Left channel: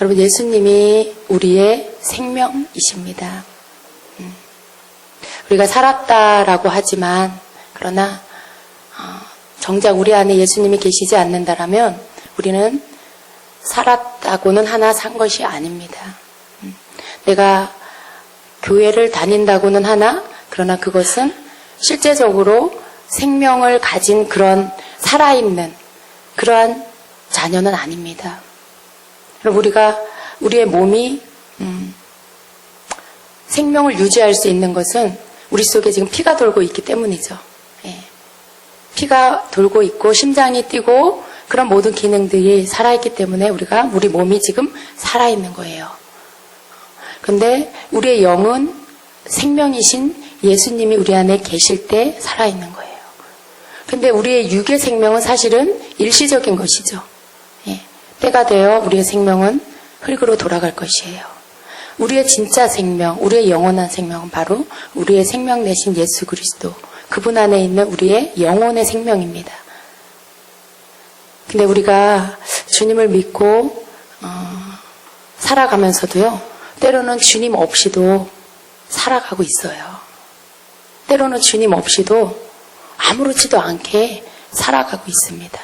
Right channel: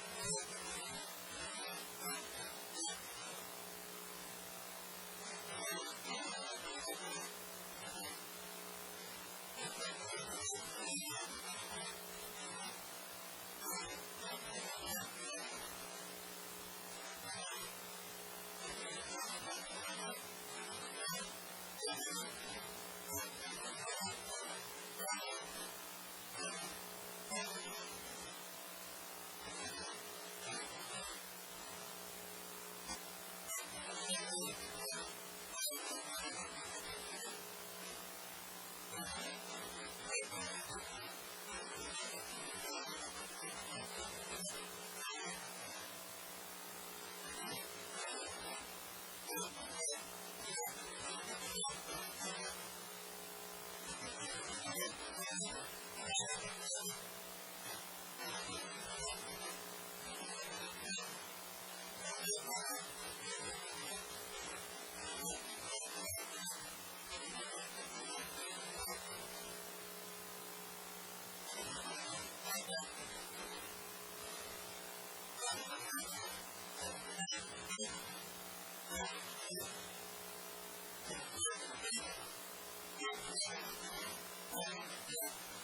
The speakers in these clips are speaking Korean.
여러분, 예수님이 우리의 생명이십니다. 우리가 살았다라고 하지만, 그러나 정작 우리 안에 예수님이 계시지 않는다라면 우리는 살았다고는 하나 산 것이 아닙니다. 내가 교회를 다닌다고는 하나, 그러나 그것은 실제적으로 생명을 가진 그런 살아있는 그러한 자녀는 아닙니다. 우리가 우리의 몸이 생명을 유지할 수 있는 것은 우리 속에 지금 피가 돌고 있기 때문이죠. 예. 피가 돌고 있고 심장이 뛰고 그런 모든 기능들이 살아있기 때문에 우리 몸이 지금 살아있는 거예요. 그런데 우리의 영은 생명이신 예수님이 우리 안에 계실 때 살아있는 거예요. 그런데 우리의 육의 생명은 사실은 일시적인 것이죠. 예. 때가 되어 우리의 생명은 흙으로 돌아갈 것이에요. 우리의 진짜 생명, 우리의 영원한 생명은 바로 우리의 생명 내신 예수 그리스도, 그분 안에 있는 우리의 영혼의 생명입니다. 근데 우리가 주님을 믿고 살아가면서도요, 때로는 주님 없이도 살아가고 있어요. 때로는 주님 없이도 아무렇지도 않게 살아가고 있습니다.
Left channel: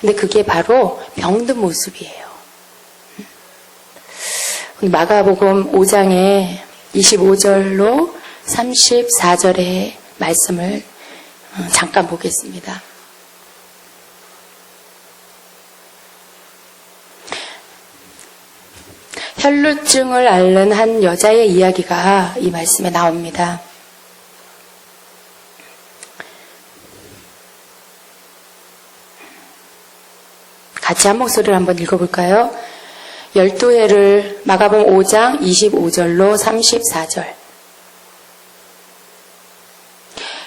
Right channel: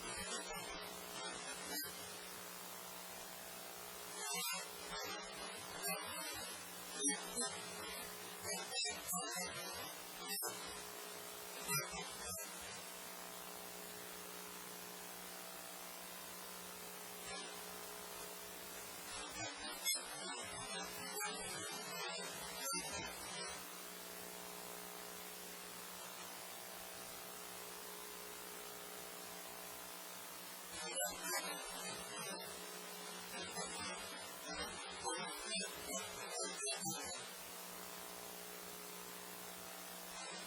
근데 그게 바로 병든 모습이에요. 마가복음 5장의 25절로 34절의 말씀을 잠깐 보겠습니다. 혈루증을 앓는 한 여자의 이야기가 이 말씀에 나옵니다. 같이 한 목소리를 한번 읽어볼까요? 12회를 마가복음 5장 25절로 34절.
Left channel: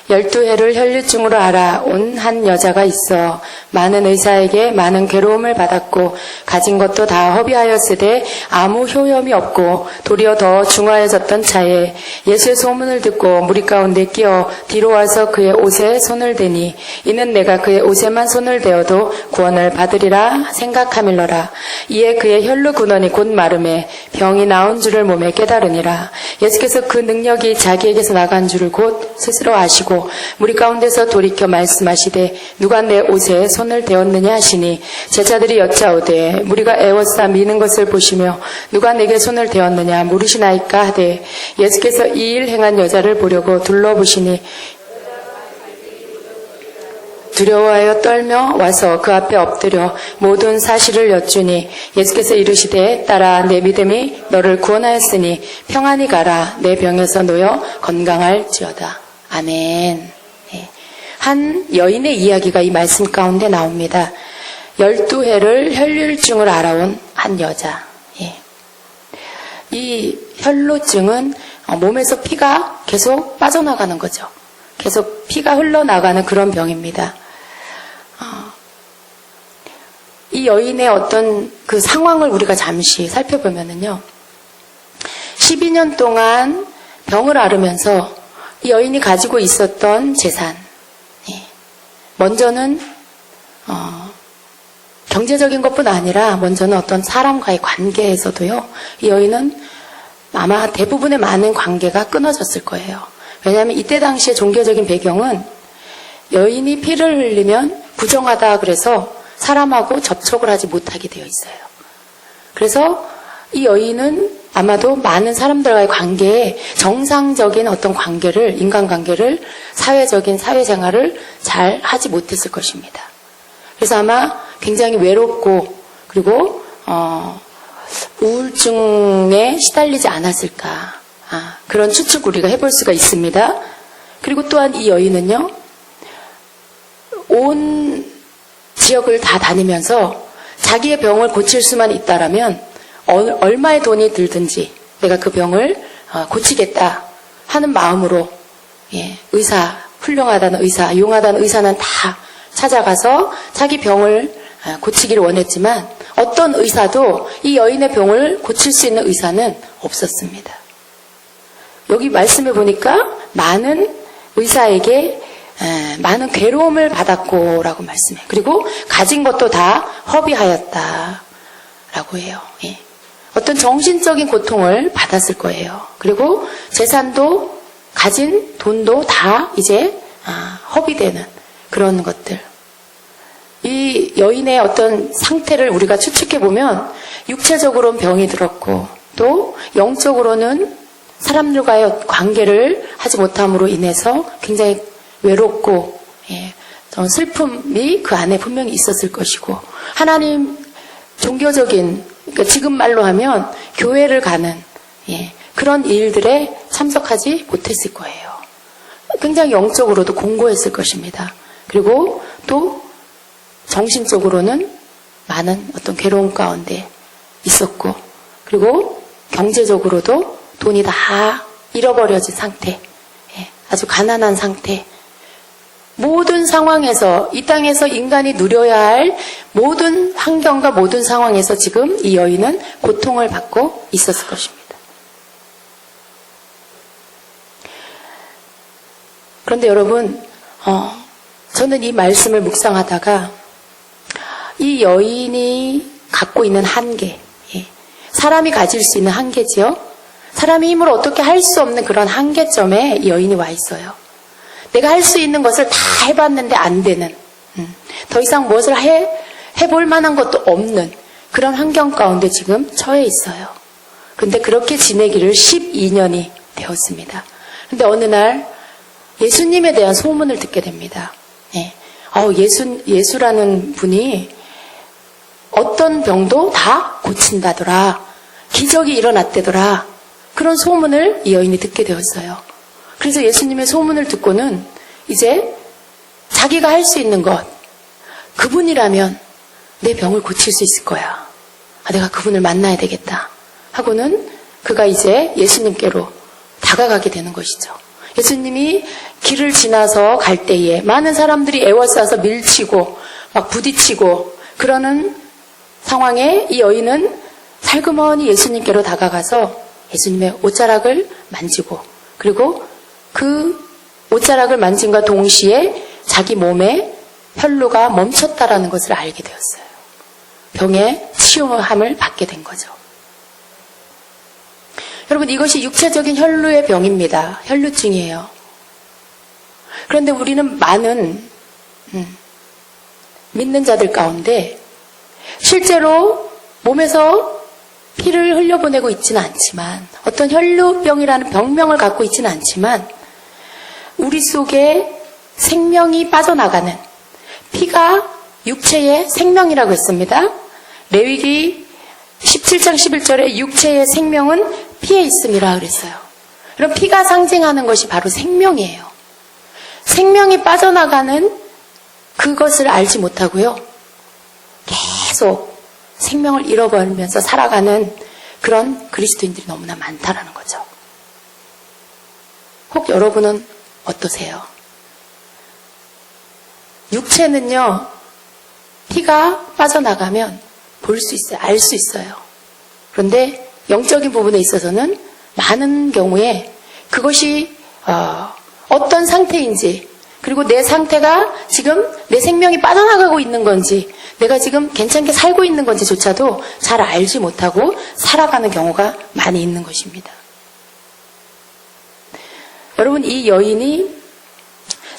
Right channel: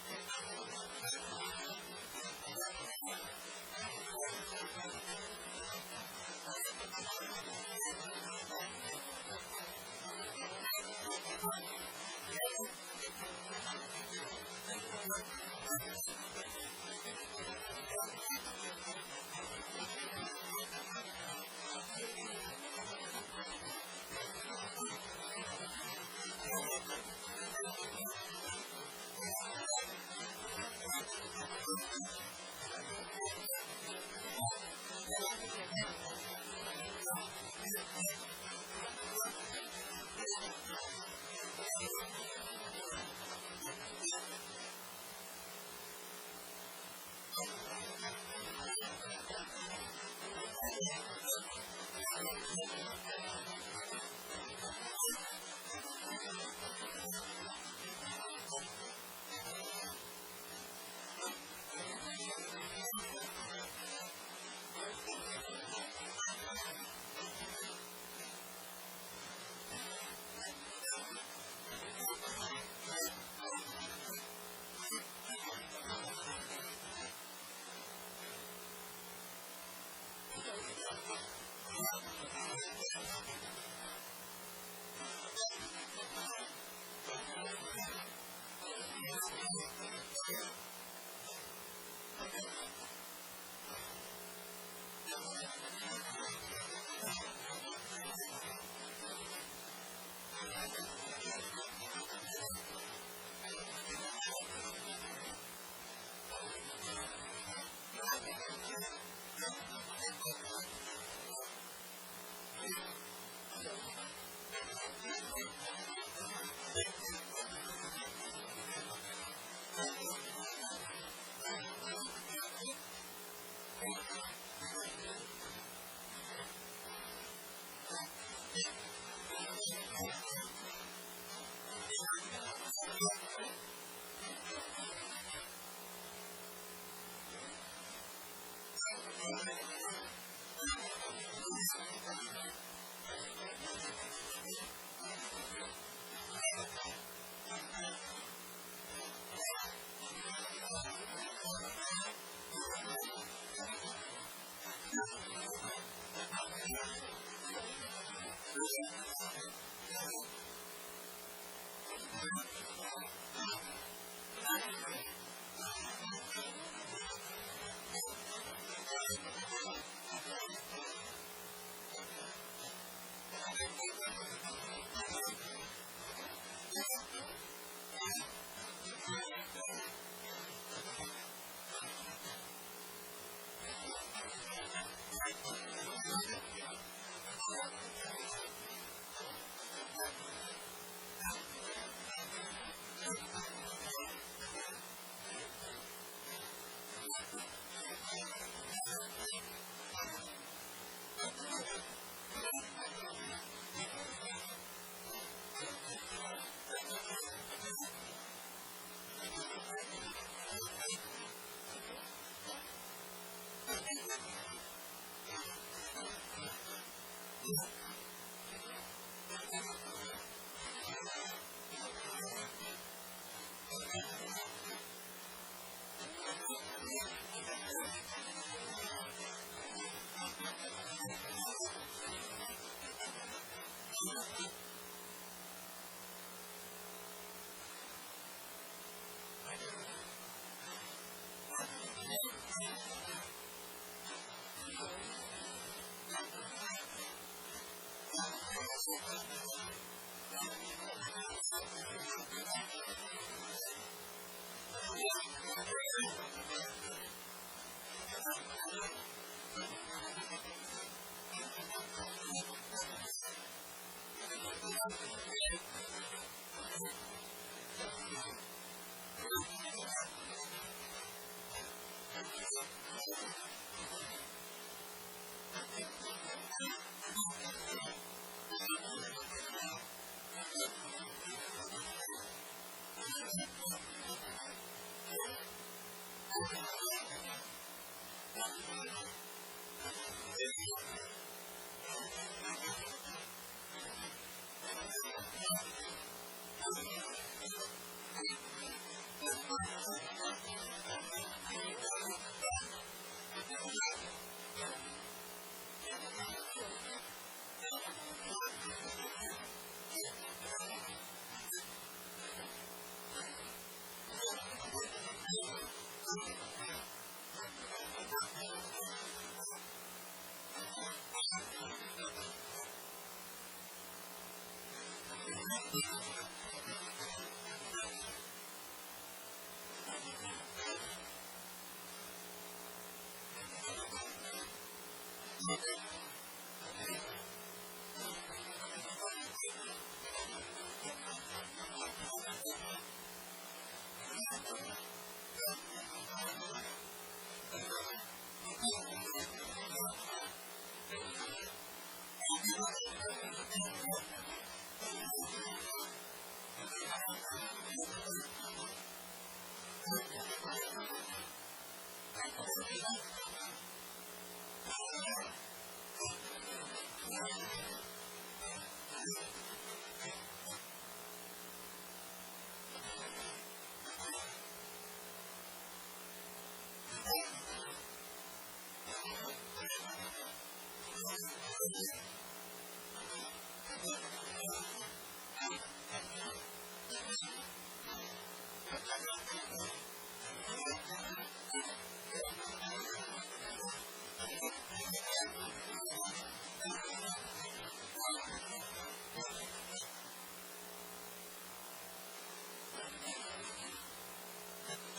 12회를 혈루증으로 알아온 한 여자가 있어 많은 의사에게 많은 괴로움을 받았고 가진 것도 다 허비하였으되 아무 효염이 없고 도리어 더 중하여졌던 차에 예수의 소문을 듣고 무리 가운데 끼어 뒤로 와서 그의 옷에 손을 대니 이는 내가 그의 옷에만 손을 대어도 구원을 받으리라 생각함일러라. 이에 그의 혈루 근원이 곧 마름에 병이 나온 줄을 몸에 깨달으니라. 예수께서 그 능력이 자기에게서 나간 줄을 곧 스스로 아시고 무리 가운데서 돌이켜 말씀하시되 누가 내 옷에 손을 대었느냐 하시니 제자들이 여짜오되 무리가 애워싸 미는 것을 보시며 누가 내게 손을 대었느냐 물으시나이까 하되 예수께서 이 일 행한 여자를 보려고 둘러보시니 두려워하여 떨며 와서 그 앞에 엎드려 모든 사실을 여쭈니 예수께서 이르시되 딸아 내 믿음이 너를 구원하였으니 평안히 가라 내 병에서 놓여 건강할지어다. 아멘. 네. 한 여인의 이야기가 이 말씀 가운데 나옵니다. 12회를 혈루증을 알아온 한 여자. 예. 이 혈루증은 몸에서 피가 계속 빠져나가는 거죠. 계속 피가 흘러나가는 그런 병입니다. 이 여인의 어떤 그 상황을 우리가 잠시 살펴보면은요. 12년 동안 병을 앓으면서 이 여인이 가지고 있었던 재산, 먼저는 경제적인 것뿐 아니라 먼저는 어떤 사람과의 관계에서도요. 이 여인은 아마 대부분의 많은 관계가 끊어졌을 거예요. 왜냐하면 이때 당시의 종교적인 배경은 여인이 피를 흘리면 부정하다 그래서 사람하고 접촉을 하지 못하게 되어 있어요. 그래서 이 여인은 아마도 많은 사람들과의 관계에 정상적인 어떤 관계를, 인간관계를, 사회적인 사회생활을 잘 하지 못했을 것입니다. 그래서 아마 굉장히 외롭고 그리고 우울증에 시달리지 않았을까. 그런 추측 우리가 해볼 수가 있습니다. 그리고 또한 이 여인은요. 온 지역을 다 다니면서 자기의 병을 고칠 수만 있다라면 얼마의 돈이 들든지 내가 그 병을 고치겠다 하는 마음으로 의사, 훌륭하다는 의사, 용하다는 의사는 다 찾아가서 자기 병을 고치기를 원했지만 어떤 의사도 이 여인의 병을 고칠 수 있는 의사는 없었습니다. 여기 말씀해 보니까 많은 의사에게 많은 괴로움을 받았고 라고 말씀해요. 그리고 가진 것도 다 허비하였다 라고 해요. 어떤 정신적인 고통을 받았을 거예요. 그리고 재산도 가진 돈도 다 이제 허비되는 그런 것들. 이 여인의 어떤 상태를 우리가 추측해보면 육체적으로는 병이 들었고 또 영적으로는 사람들과의 관계를 하지 못함으로 인해서 굉장히 외롭고 슬픔이 그 안에 분명히 있었을 것이고 하나님 종교적인 그러니까 지금 말로 하면 교회를 가는 그런 일들에 참석하지 못했을 거예요. 굉장히 영적으로도 공고했을 것입니다. 그리고 또 정신적으로는 많은 어떤 괴로움 가운데 있었고 그리고 경제적으로도 돈이 다 잃어버려진 상태, 아주 가난한 상태. 모든 상황에서 이 땅에서 인간이 누려야 할 모든 환경과 모든 상황에서 지금 이 여인은 고통을 받고 있었을 것입니다. 그런데 여러분, 저는 이 말씀을 묵상하다가 이 여인이 갖고 있는 한계, 사람이 가질 수 있는 한계지요. 사람이 힘으로 어떻게 할 수 없는 그런 한계점에 이 여인이 와 있어요. 내가 할 수 있는 것을 다 해봤는데 안 되는, 더 이상 무엇을 해볼 만한 것도 없는 그런 환경 가운데 지금 처해 있어요. 근데 그렇게 지내기를 12년이 되었습니다. 근데 어느 날 예수님에 대한 소문을 듣게 됩니다. 예수라는 분이 어떤 병도 다 고친다더라. 기적이 일어났대더라. 그런 소문을 이 여인이 듣게 되었어요. 그래서 예수님의 소문을 듣고는 이제 자기가 할 수 있는 것, 그분이라면 내 병을 고칠 수 있을 거야. 내가 그분을 만나야 되겠다. 하고는 그가 이제 예수님께로 다가가게 되는 것이죠. 예수님이 길을 지나서 갈 때에 많은 사람들이 에워싸서 밀치고 막 부딪히고 그러는 상황에 이 여인은 살그머니 예수님께로 다가가서 예수님의 옷자락을 만지고 그리고 그 옷자락을 만짐과 동시에 자기 몸에 혈루가 멈췄다라는 것을 알게 되었어요. 병의 치유함을 받게 된 거죠. 여러분, 이것이 육체적인 혈루의 병입니다. 혈루증이에요. 그런데 우리는 많은 믿는 자들 가운데 실제로 몸에서 피를 흘려보내고 있지는 않지만 어떤 혈루병이라는 병명을 갖고 있지는 않지만 우리 속에 생명이 빠져나가는 피가 육체의 생명이라고 했습니다. 레위기 17장 11절에 육체의 생명은 피에 있음이라 그랬어요. 그럼 피가 상징하는 것이 바로 생명이에요. 생명이 빠져나가는 그것을 알지 못하고요. 계속 생명을 잃어버리면서 살아가는 그런 그리스도인들이 너무나 많다라는 거죠. 혹 여러분은 어떠세요? 육체는요, 피가 빠져나가면 볼 수 있어요. 알 수 있어요. 그런데 영적인 부분에 있어서는 많은 경우에 그것이 어떤 상태인지 그리고 내 상태가 지금 내 생명이 빠져나가고 있는 건지 내가 지금 괜찮게 살고 있는 건지조차도 잘 알지 못하고 살아가는 경우가 많이 있는 것입니다. 여러분, 이 여인이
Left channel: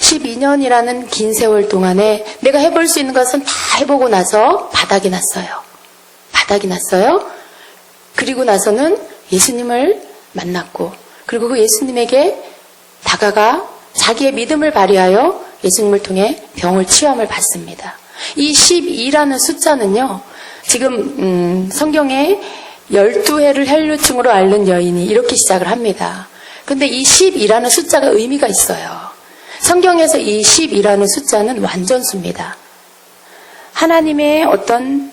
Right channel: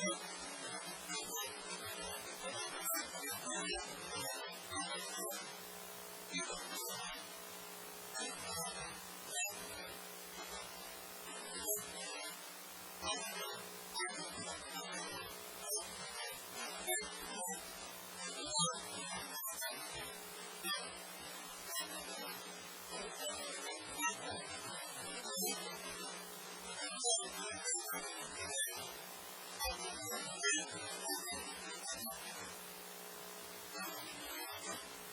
12년이라는 긴 세월 동안에 내가 해볼 수 있는 것은 다 해보고 나서 바닥이 났어요. 바닥이 났어요. 그리고 나서는 예수님을 만났고 그리고 그 예수님에게 다가가 자기의 믿음을 발휘하여 예수님을 통해 병을 치유함을 받습니다. 이 12라는 숫자는요. 지금 성경에 12해를 혈루증으로 앓는 여인이 이렇게 시작을 합니다. 근데 이 12라는 숫자가 의미가 있어요. 성경에서 이 12라는 숫자는 완전수입니다. 하나님의 어떤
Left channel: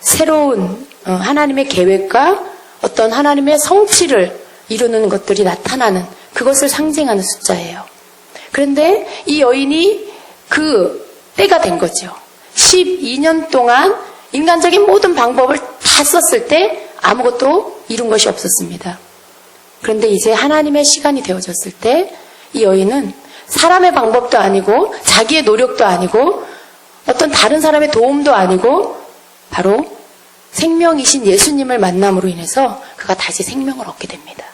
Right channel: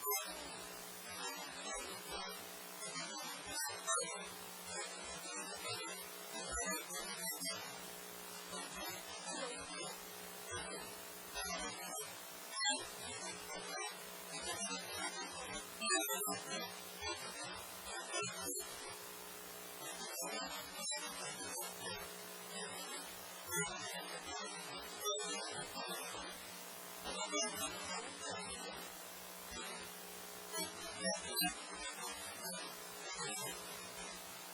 새로운 하나님의 계획과 어떤 하나님의 성취를 이루는 것들이 나타나는 그것을 상징하는 숫자예요. 그런데 이 여인이 그 때가 된 거죠. 12년 동안 인간적인 모든 방법을 다 썼을 때 아무것도 이룬 것이 없었습니다. 그런데 이제 하나님의 시간이 되어졌을 때 이 여인은 사람의 방법도 아니고 자기의 노력도 아니고 어떤 다른 사람의 도움도 아니고 바로 생명이신 예수님을 만남으로 인해서 그가 다시 생명을 얻게 됩니다.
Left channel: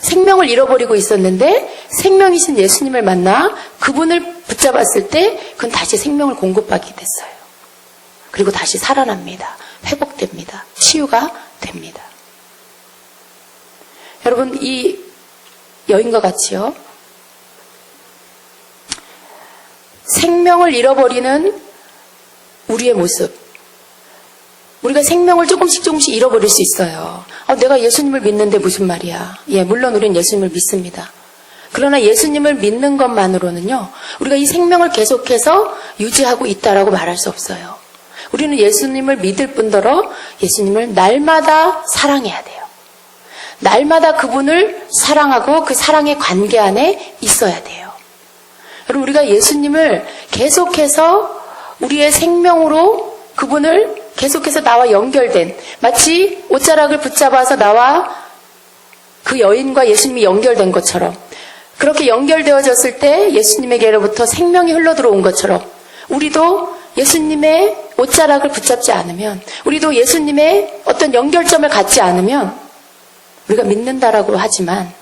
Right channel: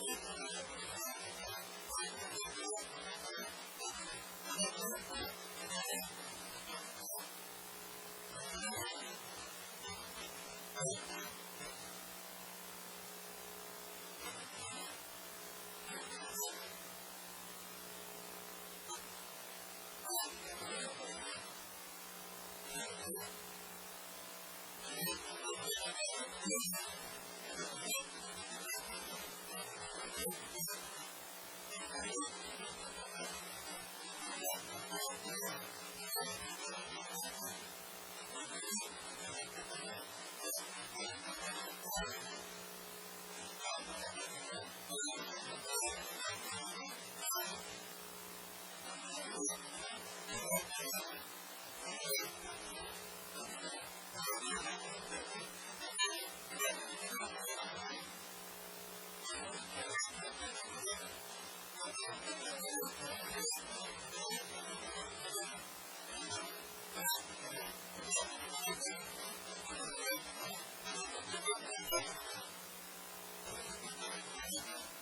생명을 잃어버리고 있었는데 생명이신 예수님을 만나 그분을 붙잡았을 때 그는 다시 생명을 공급받게 됐어요. 그리고 다시 살아납니다. 회복됩니다. 치유가 됩니다. 여러분, 이 여인과 같이요, 생명을 잃어버리는 우리의 모습, 우리가 생명을 조금씩 잃어버릴 수 있어요. 내가 예수님을 믿는데 무슨 말이야. 예, 물론 우리는 예수님을 믿습니다. 그러나 예수님을 믿는 것만으로는요, 우리가 이 생명을 계속해서 유지하고 있다라고 말할 수 없어요. 우리는 예수님을 믿을 뿐더러 예수님을 날마다 사랑해야 돼요. 날마다 그분을 사랑하고 그 사랑의 관계 안에 있어야 돼요. 여러분, 우리가 예수님을 계속해서 우리의 생명으로 그분을 계속해서 나와 연결된, 마치 옷자락을 붙잡아서 나와 그 여인과 예수님이 연결된 것처럼, 그렇게 연결되어졌을 때 예수님에게로부터 생명이 흘러들어온 것처럼, 우리도 예수님의 옷자락을 붙잡지 않으면, 우리도 예수님의 어떤 연결점을 갖지 않으면 우리가 믿는다라고 하지만,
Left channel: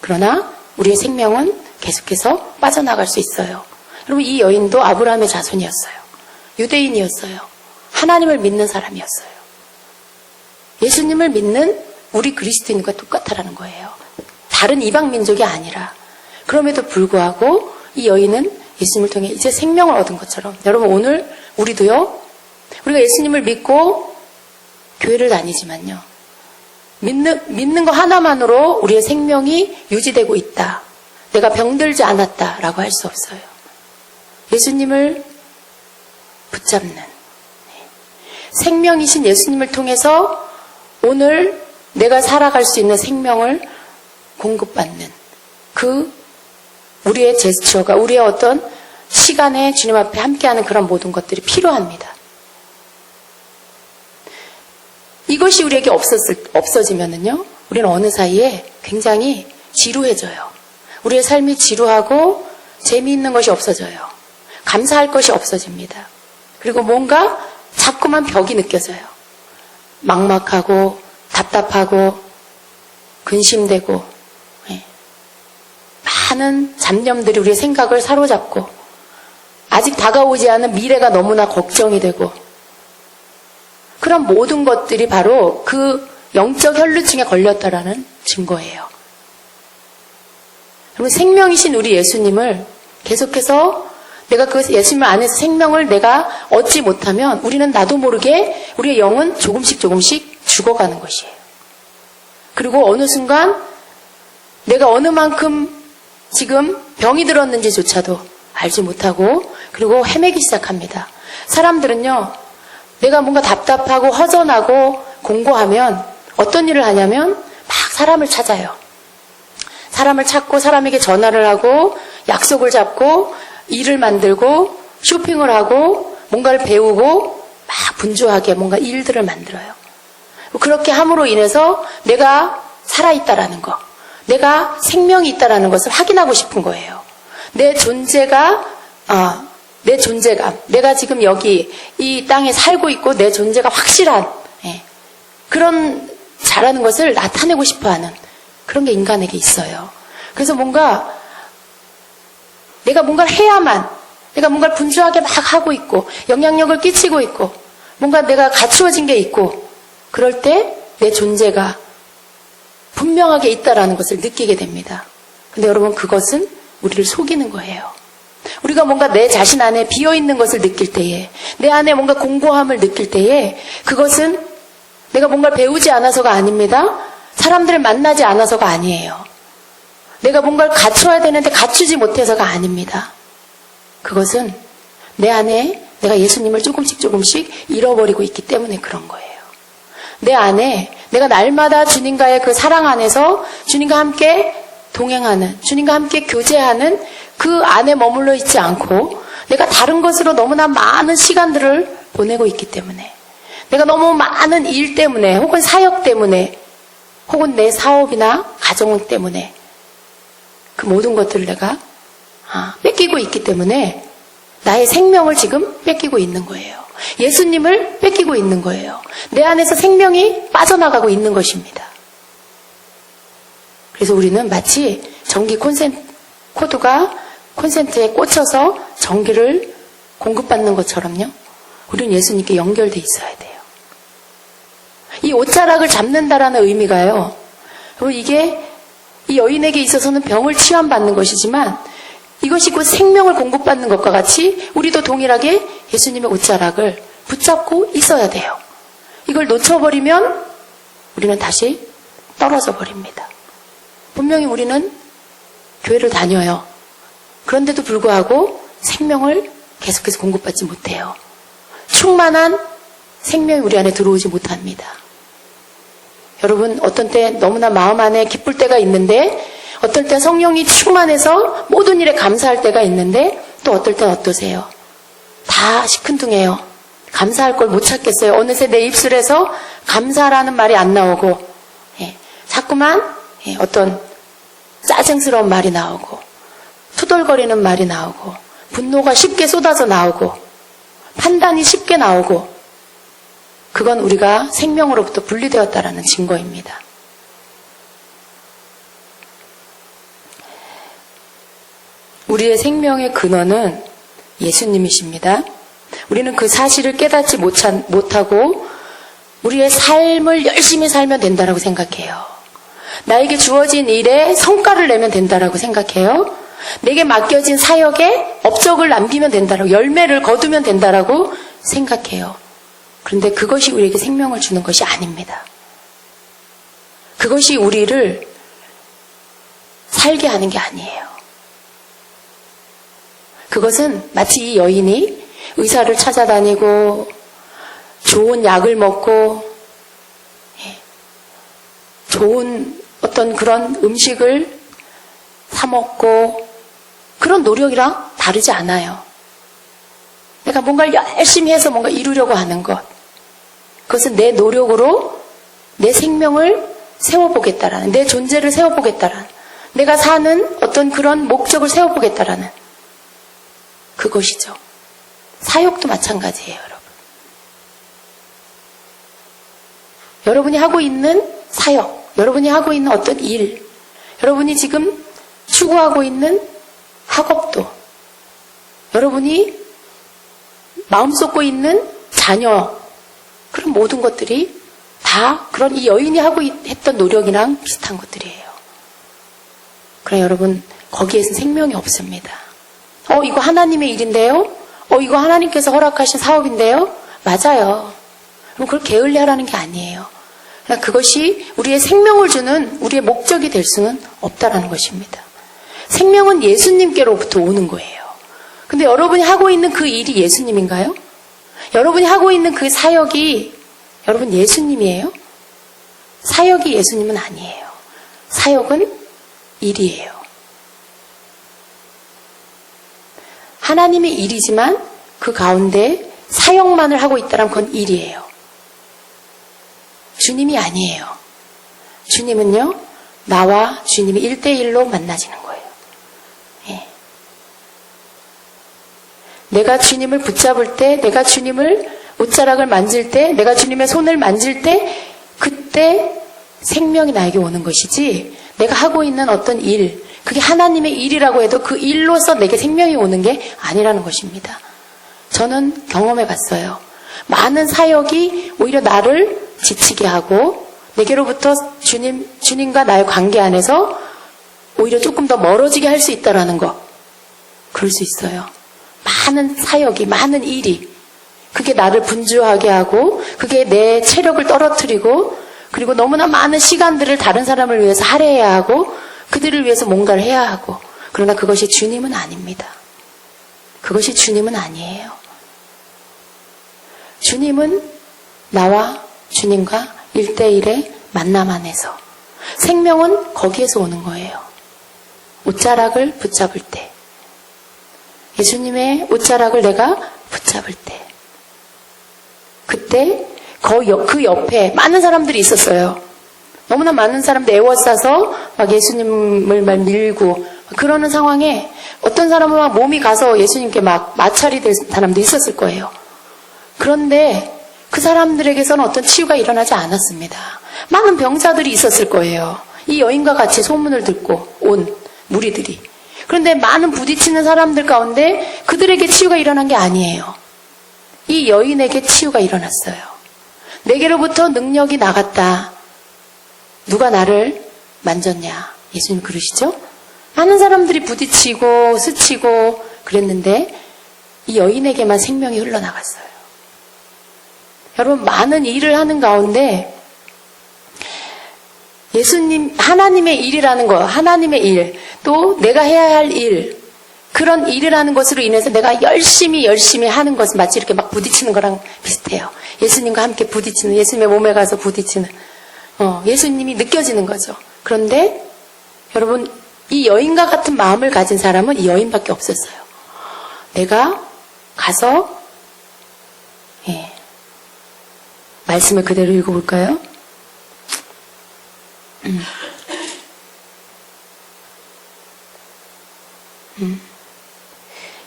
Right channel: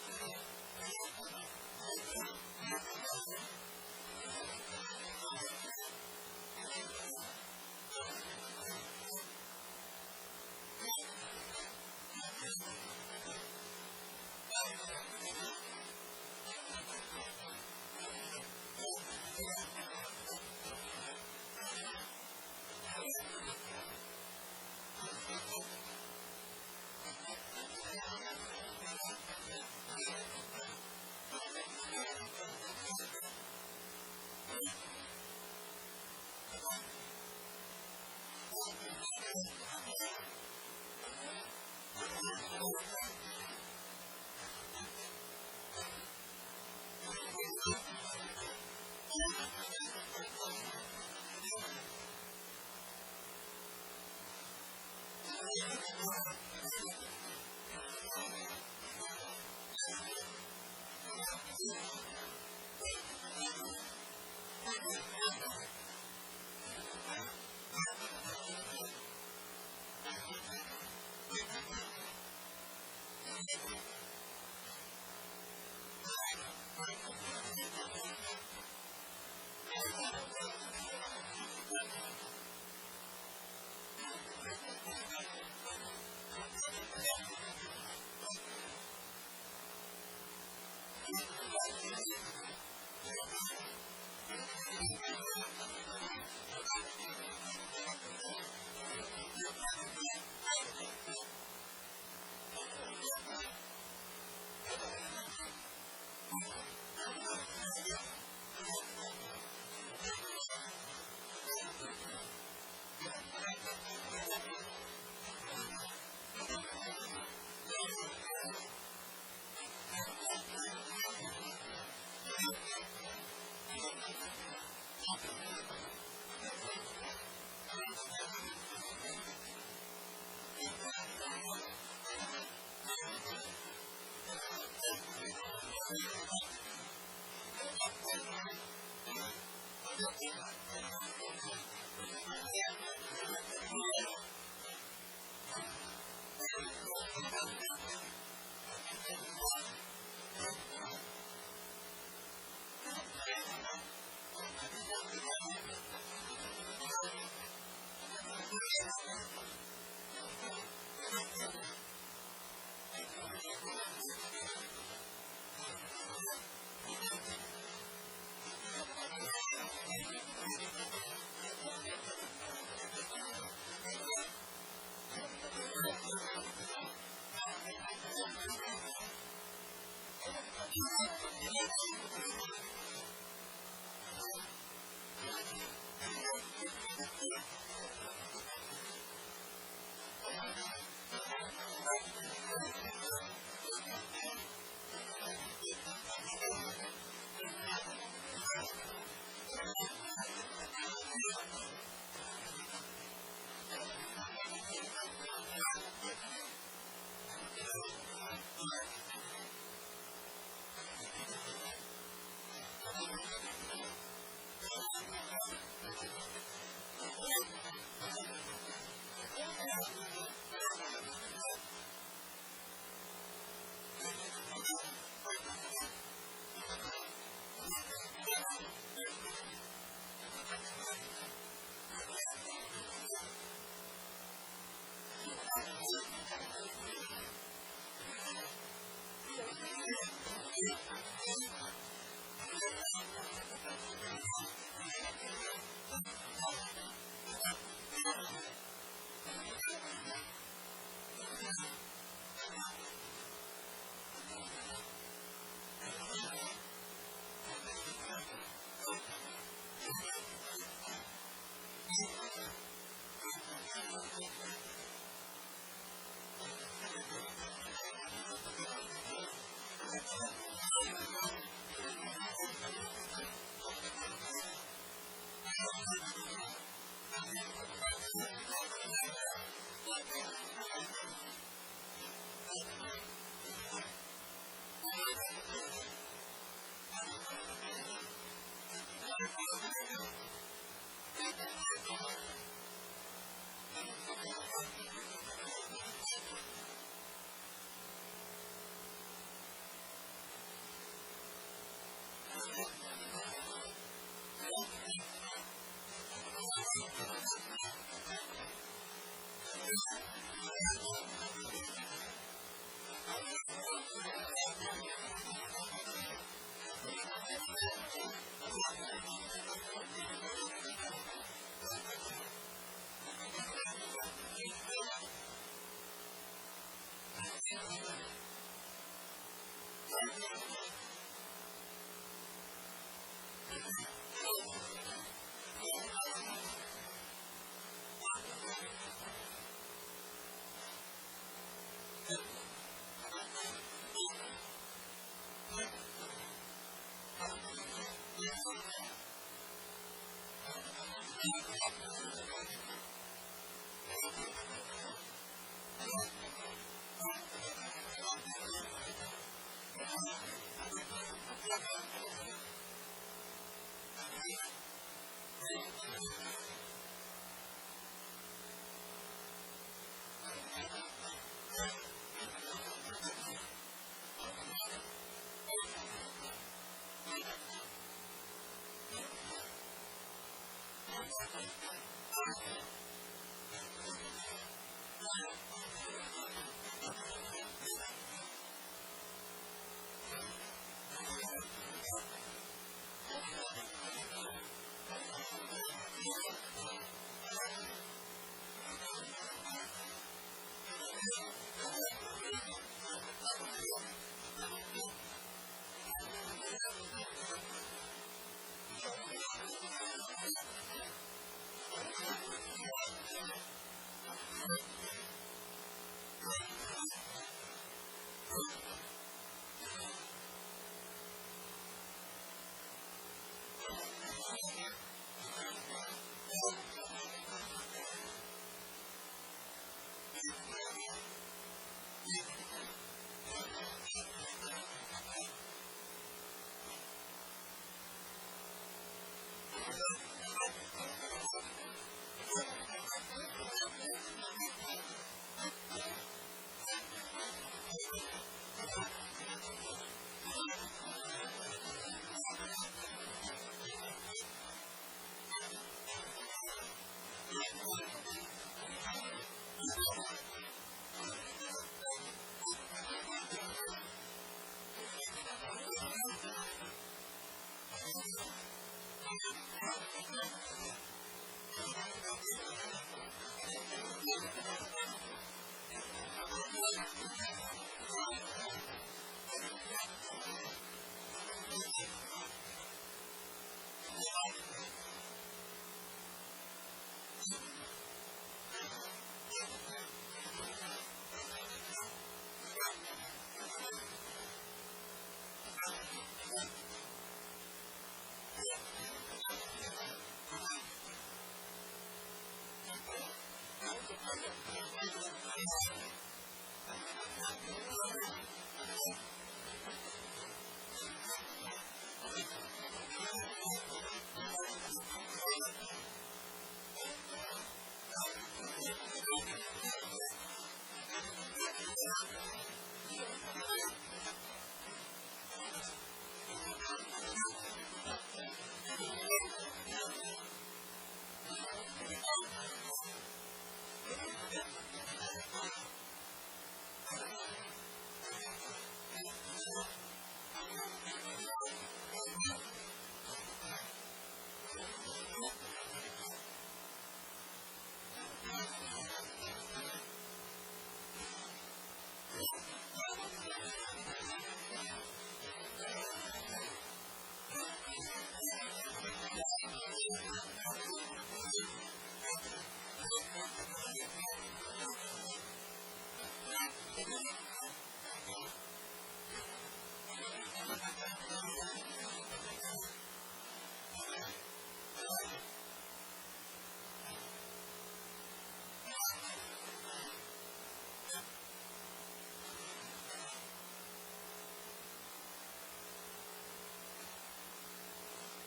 그러나 우리의 생명은 계속해서 빠져나갈 수 있어요. 여러분, 이 여인도 아브라함의 자손이었어요. 유대인이었어요. 하나님을 믿는 사람이었어요. 예수님을 믿는 우리 그리스도인과 똑같다라는 거예요. 다른 이방 민족이 아니라. 그럼에도 불구하고 이 여인은 예수님을 통해 이제 생명을 얻은 것처럼, 여러분, 오늘 우리도요, 우리가 예수님을 믿고 교회를 다니지만요, 믿는 거 하나만으로 우리의 생명이 유지되고 있다, 내가 병들지 않았다라고 할 수 없어요. 예수님을 붙잡는, 생명이신 예수님을 통해서 오늘 내가 살아갈 수 있는 생명을 공급받는 그 우리의 제스처가, 우리의 어떤 시간에 주님 앞에 함께하는 그런 모든 것들이 필요합니다. 이것이 우리에게 없어지면은요, 우리는 어느 사이에 굉장히 지루해져요. 우리의 삶이 지루하고 재미있는 것이 없어져요. 감사할 것이 없어집니다. 그리고 뭔가 자꾸만 벽이 느껴져요. 막막하고 답답하고 근심되고, 많은 잡념들이 우리의 생각을 사로잡고, 아직 다가오지 않은 미래가 너무나 걱정이 되고, 그런 모든 것들이 바로 그 영적 혈루증에 걸렸다라는 증거예요. 여러분, 생명이신 우리 예수님을 계속해서 내가 그 예수님 안에서 생명을 내가 얻지 못하면 우리는 나도 모르게 우리의 영은 조금씩 죽어가는 것이에요. 그리고 어느 순간 내가 어느 만큼 지금 병이 들었는지조차도 알지 못하고, 그리고 헤매기 시작합니다. 사람들은요, 내가 뭔가 답답하고 허전하고 공고하면 어떤 일을 하냐면 막 사람을 찾아요. 사람을 찾고 사람에게 전화를 하고 약속을 잡고 일을 만들고 쇼핑을 하고 뭔가를 배우고 막 분주하게 뭔가 일들을 만들어요. 그렇게 함으로 인해서 내가 살아있다라는 거, 내가 생명이 있다라는 것을 확인하고 싶은 거예요. 내 존재감, 내가 지금 여기 이 땅에 살고 있고 내 존재가 확실한, 그런 잘하는 것을 나타내고 싶어하는 그런 게 인간에게 있어요. 그래서 내가 뭔가를 해야만, 내가 뭔가를 분주하게 막 하고 있고 영향력을 끼치고 있고 뭔가 내가 갖추어진 게 있고, 그럴 때 내 존재가 분명하게 있다라는 것을 느끼게 됩니다. 근데 여러분, 그것은 우리를 속이는 거예요. 우리가 뭔가 내 자신 안에 비어있는 것을 느낄 때에, 내 안에 뭔가 공고함을 느낄 때에, 그것은 내가 뭔가를 배우지 않아서가 아닙니다. 사람들을 만나지 않아서가 아니에요. 내가 뭔가를 갖춰야 되는데 갖추지 못해서가 아닙니다. 그것은 내 안에 내가 예수님을 조금씩 잃어버리고 있기 때문에 그런 거예요. 내 안에 내가 날마다 주님과의 그 사랑 안에서 주님과 함께 동행하는, 주님과 함께 교제하는 그 안에 머물러 있지 않고, 내가 다른 것으로 너무나 많은 시간들을 보내고 있기 때문에, 내가 너무 많은 일 때문에, 혹은 사역 때문에, 혹은 내 사업이나 가정 때문에 그 모든 것들을 내가 뺏기고 있기 때문에 나의 생명을 지금 뺏기고 있는 거예요. 예수님을 뺏기고 있는 거예요. 내 안에서 생명이 빠져나가고 있는 것입니다. 그래서 우리는 마치 전기 코드가 콘센트에 꽂혀서 전기를 공급받는 것처럼요. 우리는 예수님께 연결돼 있어야 돼요. 이 옷자락을 잡는다라는 의미가요. 이게 이 여인에게 있어서는 병을 치유받는 것이지만 이것이 곧 생명을 공급받는 것과 같이 우리도 동일하게 예수님의 옷자락을 붙잡고 있어야 돼요. 이걸 놓쳐버리면 우리는 다시 떨어져 버립니다. 분명히 우리는 교회를 다녀요. 그런데도 불구하고 생명을 계속해서 공급받지 못해요. 충만한 생명이 우리 안에 들어오지 못합니다. 여러분, 어떤 때 너무나 마음 안에 기쁠 때가 있는데 어떨 때 성령이 충만해서 모든 일에 감사할 때가 있는데 또 어떨 땐 어떠세요? 다 시큰둥해요. 감사할 걸 못 찾겠어요. 어느새 내 입술에서 감사라는 말이 안 나오고 자꾸만 어떤 짜증스러운 말이 나오고 투덜거리는 말이 나오고 분노가 쉽게 쏟아져 나오고 판단이 쉽게 나오고 그건 우리가 생명으로부터 분리되었다라는 증거입니다. 우리의 생명의 근원은 예수님이십니다. 우리는 그 사실을 깨닫지 못하고 우리의 삶을 열심히 살면 된다라고 생각해요. 나에게 주어진 일에 성과를 내면 된다라고 생각해요. 내게 맡겨진 사역에 업적을 남기면 된다라고, 열매를 거두면 된다라고 생각해요. 그런데 그것이 우리에게 생명을 주는 것이 아닙니다. 그것이 우리를 살게 하는 게 아니에요. 그것은 마치 이 여인이 의사를 찾아다니고 좋은 약을 먹고 좋은 어떤 그런 음식을 사 먹고 그런 노력이랑 다르지 않아요. 내가 뭔가를 열심히 해서 뭔가 이루려고 하는 것. 그것은 내 노력으로 내 생명을 세워보겠다라는, 내 존재를 세워보겠다라는, 내가 사는 어떤 그런 목적을 세워보겠다라는 그것이죠. 사역도 마찬가지예요, 여러분. 여러분이 하고 있는 사역, 여러분이 하고 있는 어떤 일, 여러분이 지금 추구하고 있는 학업도, 여러분이 마음 쏟고 있는 자녀, 그런 모든 것들이 다 그런 이 여인이 하고 했던 노력이랑 비슷한 것들이에요. 그러나 여러분, 거기에는 생명이 없습니다. 이거 하나님의 일인데요? 이거 하나님께서 허락하신 사업인데요? 맞아요. 그럼 그걸 게을리하라는 게 아니에요. 그러나 그것이 우리의 생명을 주는 우리의 목적이 될 수는 없다라는 것입니다. 생명은 예수님께로부터 오는 거예요. 근데 여러분이 하고 있는 그 일이 예수님인가요? 여러분이 하고 있는 그 사역이 여러분 예수님이에요? 사역이 예수님은 아니에요. 사역은 일이에요. 하나님의 일이지만 그 가운데 사역만을 하고 있다면 그건 일이에요. 주님이 아니에요. 주님은요, 나와 주님이 1대1로 만나지는 거예요. 예. 내가 주님을 붙잡을 때, 내가 주님을 옷자락을 만질 때, 내가 주님의 손을 만질 때, 그때 생명이 나에게 오는 것이지, 내가 하고 있는 어떤 일, 그게 하나님의 일이라고 해도 그 일로서 내게 생명이 오는 게 아니라는 것입니다. 저는 경험해 봤어요. 많은 사역이 오히려 나를 지치게 하고 내게로부터 주님과 나의 관계 안에서 오히려 조금 더 멀어지게 할 수 있다라는 거. 그럴 수 있어요. 많은 사역이, 많은 일이 그게 나를 분주하게 하고 그게 내 체력을 떨어뜨리고 그리고 너무나 많은 시간들을 다른 사람을 위해서 할애해야 하고 그들을 위해서 뭔가를 해야 하고 그러나 그것이 주님은 아닙니다. 그것이 주님은 아니에요. 주님은 나와 주님과 1대1의 만남 안에서 생명은 거기에서 오는 거예요. 옷자락을 붙잡을 때 예수님의 옷자락을 내가 붙잡을 때 그때 그 옆에 많은 사람들이 있었어요. 너무나 많은 사람들 애워싸서 막 예수님을 막 밀고 그러는 상황에 어떤 사람은 막 몸이 가서 예수님께 막 마찰이 될 사람도 있었을 거예요. 그런데 그 사람들에게서는 어떤 치유가 일어나지 않았습니다. 많은 병자들이 있었을 거예요. 이 여인과 같이 소문을 듣고 온 무리들이. 그런데 많은 부딪히는 사람들 가운데 그들에게 치유가 일어난 게 아니에요. 이 여인에게 치유가 일어났어요. 내게로부터 능력이 나갔다. 누가 나를 만졌냐? 예수님 그러시죠? 많은 사람들이 부딪히고 스치고 그랬는데 이 여인에게만 생명이 흘러나갔어요. 여러분, 많은 일을 하는 가운데 예수님, 하나님의 일이라는 거, 하나님의 일, 또 내가 해야 할 일, 그런 일을 하는 것으로 인해서 내가 열심히 하는 것은 마치 이렇게 막 부딪히는 거랑 비슷해요. 예수님과 함께 부딪히는, 예수님의 몸에 가서 부딪히는, 예수님이 느껴지는 거죠. 그런데 여러분, 이 여인과 같은 마음을 가진 사람은 이 여인밖에 없었어요. 내가 가서 말씀을 그대로 읽어볼까요?